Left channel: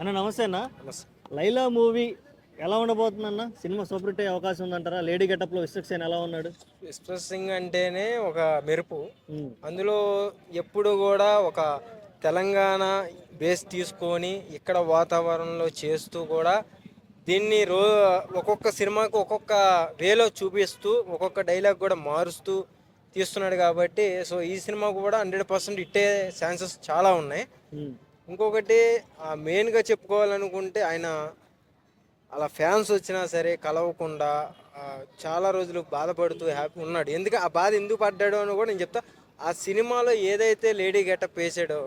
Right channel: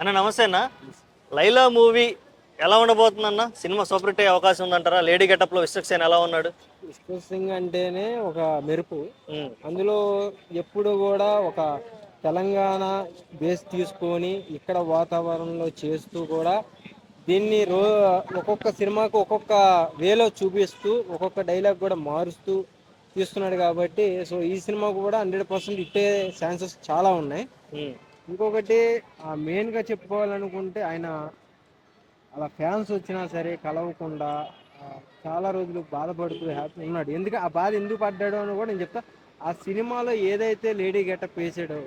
అన్న నమస్తే అన్న. నమస్తే. లైలా మూవీ ఎలా ఉండబోతుందన్న? సినిమా సూపర్ హిట్ అయ్యే అవకాశం ఉందంటారా? లేడీ గెటప్లో విశ్వక్సేన్ ఎలా ఉన్నాడు? విశ్వ సింగ్ అంటేనే ఒక మెరుపు. ఉమ్, అందులో ఎప్పుడు కూడా ఒక తెలంగాణ బేస్ తీసుకొని ఇక్కడ వాతావరణంలో చేస్తూ కూడా దీన్ని ఒక్కొక్క సినిమాకు ఒక్కొక్క వేలో చూపిస్తూ ఒక్కొక్క డైలాగ్ కూడా మారుస్తూ తీస్తున్నాడు కాబట్టి సో ఈ సినిమా కూడా 100% ఇట్టే ఛాన్సెస్ చాలా ఉన్నాయి. ఉమ్, ఇంకొకటి మెయిన్గా చెప్పుకోవాలనుకుంటే ఆయన అలా ఫ్యాన్స్ వచ్చినా సరే కలవకుండా ఆ, చాలా రోజులు బాధపడుతూ హ్యాపీ ఉన్నాడు. ఎందుకు ఆ బాధ ఎందుకు పడ్డాడో అని కూడా నేను చెప్తా. ఆ సినిమాలో ఏదైతే లేడీ గెటప్ వేసాడో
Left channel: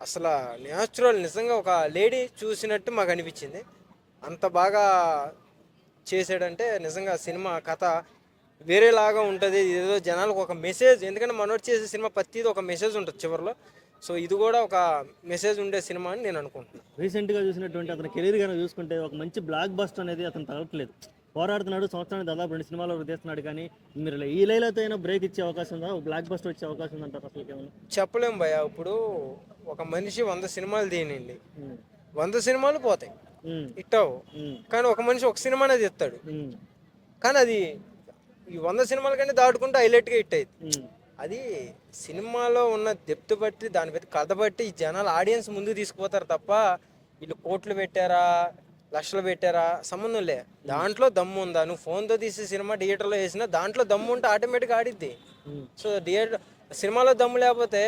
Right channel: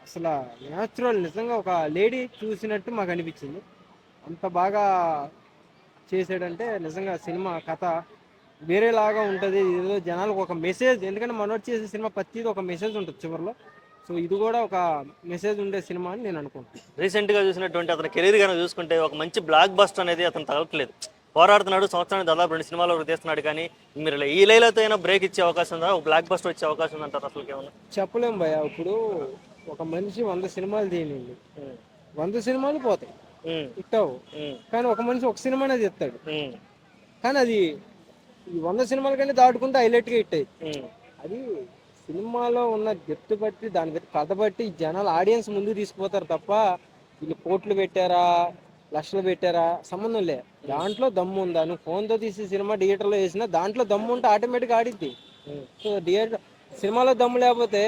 అసలు న్యాచురల్, నిజంగా ఒక లేడీ చూసినట్టు మాకు అనిపించింది. అంత బాగా చేసాడంటే నిజంగా సినిమా కథ వేరేలాగా ఉంటుంది. ఏదో జనాలకు ఒక మెసేజ్, ఎందుకంటే మనోడు చేసే సినిమా ప్రతిది ఒక మెసేజ్ ఉంటుంది చివరిలో. సో ఇది కూడా ఒక మెసేజ్ ఉండే సినిమా అని నేను అనుకుంటున్నాను. రీసెంట్గా చూసినటువంటి అతని కెరీర్ కనుక చూసుకుంటే ఒక మంచి బ్లాక్ బస్టర్ అనేది అతను తగలట్లేదు. పోరాడుతున్నాడు, సంవత్సరానికి దాదాపు 2 సినిమాలు తీస్తున్నాడు. కానీ మీరు ఈ లైలతో అయినా బ్రేక్ ఇచ్చే అవకాశం ఉందా? ఒక బ్లాక్ బస్టర్ వచ్చే అవకాశం ఉందంటారు అసలు ఏమన్నా? చెప్పలేం భయ. ఇప్పుడు ఒక మనిషి 100 సినిమాలు తీయనండి, ఉమ్, 100 సినిమాలు పోతాయి, ఉమ్, ఇట్టావు. ఉమ్, కానీ ఒక మనిషి ఒక సినిమానే తీస్తాడు, ఉమ్, కానీ అది ఈ 100 సినిమాల కంటే దాటుకుంటే హైలైట్గా హిట్ అయ్యింది. ఉమ్, అది సినిమాలో ఉన్న డెప్త్ బట్టి, దాని బట్టి కథ బట్టి జనాలు ఆడియన్స్ ముందుకు తీసుకుపోతారు తప్ప వీళ్ళు కోట్లు పెట్టారా లక్షలు పెట్టారా సంబంధం లే. దాంట్లో దమ్ము ఉందా? నువ్వు ఫోన్తో తీసే సినిమా థియేటర్లో వేసినా దాంట్లో దమ్ము ఉంటే ఆటోమేటిక్గా ఆడిద్ది. ఉమ్. సో థియేటర్ సినిమాలో దమ్ము లేకపోతే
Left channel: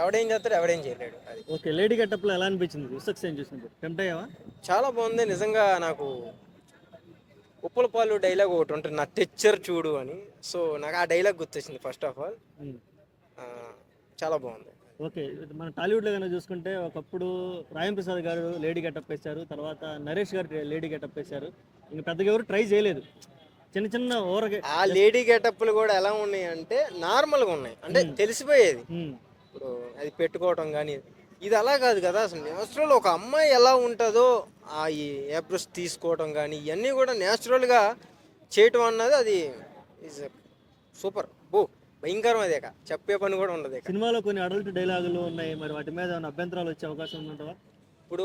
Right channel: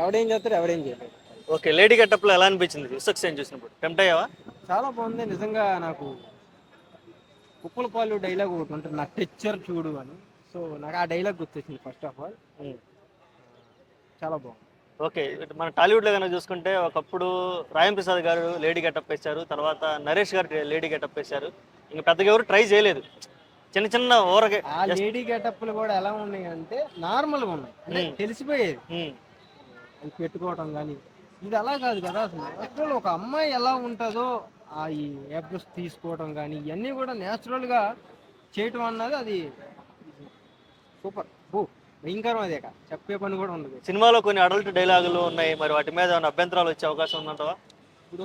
ఎవడేం చేస్తాడు, ఎవడేం చేయలేడు. అది ఓకే, లేడీ గెటప్లో ఎలా అనిపించింది విశ్వక్సేన్ చూసినప్పుడు? టెంప్ట్ అయ్యావా? చాలా బాగుంది నిజంగా. నాకు ఉప్పుల పాలు డైలాగ్ ఒకటి ఉంటుంది, నా తెచ్చర్ చూడు అని. సో నాకు ఆ డైలాగ్ గుర్తొచ్చింది ఫస్ట్ ఆఫ్ ఆల్. ఉమ్. చాలా బాగుంది. ఓకే, ఇటు మన టాలీవుడ్లో కనుక చూసుకుంటే ఒకప్పుడు రాయం ప్రసాద్ గారు లేడీ గెటప్ వేశారు, తర్వాత నరేష్ గారు లేడీ గెటప్ వేశారు. ఇంకా పెద్దగా ఎవరు ట్రై చేయలేదు. చిన్న చిన్న ఊరకే. ఆ లేడీ గెటప్లు కూడా ఎలా ఉన్నాయి అంటే నార్మల్గా ఉన్నాయి, అంటే తెలిసిపోయేది. ఇప్పుడు అది పెట్టుకోవటం కానీ ఇది అలా కాదు కదా. అసలు నేచురల్ ఒక అమ్మాయి ఎలా ఉంటుందో ఈ ఏబ్రస్ తీసుకోవటం కానీ ఇవన్నీ కూడా నేచురల్గా చేయటం అన్నది అది సూపర్. భయంకరం. అదే చెప్పే పని కూడా ఉండదు. సినిమాలో కొన్ని అడల్ట్ డైలాగులు ఉన్నాయి, మరి వాటి మీద ఏమైనా అభ్యంతరాలు వచ్చే అవకాశం ఉందంటావా? ఇప్పుడు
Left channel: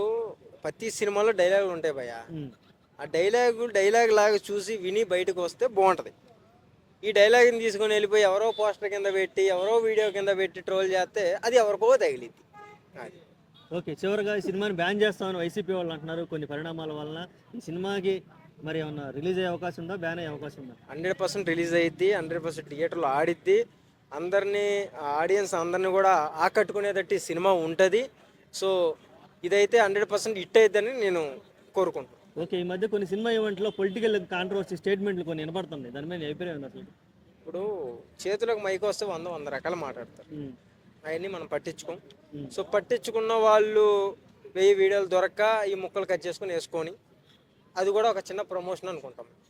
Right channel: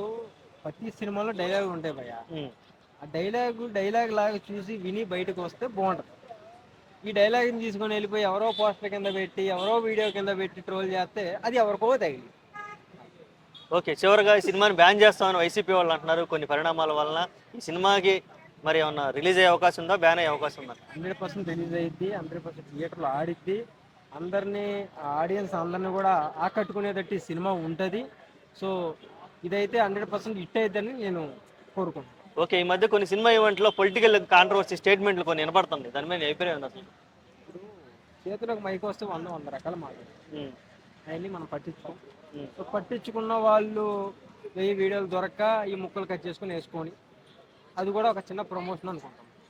ప్రతి సినిమాలో డైలాగులు ఉంటాయి భయ్య. ఆ డైలాగ్ లాగా చూసి విని బయటకు వస్తే బాగుంటుంది. ఈ డైలాగ్ని తీసుకొని వెళ్ళిపోయి ఎవరో పోస్టర్ కింద పెట్టి ఎవరో వీడియో కింద పెట్టి ట్రోల్ చేస్తే అది ఎవరికో తగిలింది. ఓకే, చివరిగా ఈ సినిమాని బ్యాన్ చేస్తామని వైసీపీ వాళ్ళు అంటున్నారు. కొన్ని పరిణామాల వలన ఈ సినిమాకి మరి ఏమన్నా రిలీజ్ అయ్యే అవకాశం ఉందా, బ్యాన్ అయ్యే అవకాశం ఉందా? 100% రిలీజ్ అయ్యిద్ది, 100% థియేటర్లో ఆడిద్ది. అందరినీ ఆడియన్స్ అందరినీ కూడా ఆకట్టుకునేటట్టు ఈ సినిమా ఉంటుంది. సో ఇదైతే 100% హిట్ అయిద్దని నేను కోరుకుంటున్నాను. ఓకే, ఈ మధ్య కొన్ని సినిమా ఈవెంట్లో పొలిటికల్ కాంట్రవర్సీ స్టేట్మెంట్లు కొన్ని వినపడుతుంది. దాని మీద అభిప్రాయం ఉంది అసలు? ఇప్పుడు చేతులకు మైక్ వస్తే 100 రకాలు మాట్లాడతారు, అవన్నీ మనం పట్టించుకోం. సో పట్టించుకున్న వాళ్ళు 1000 వీడియోలు దొరక్క ఈ ముక్కలు కట్ చేసుకొని వేసుకొని అది కూడా ఒక చిన్న ప్రమోషన్ అనుకుంటాం.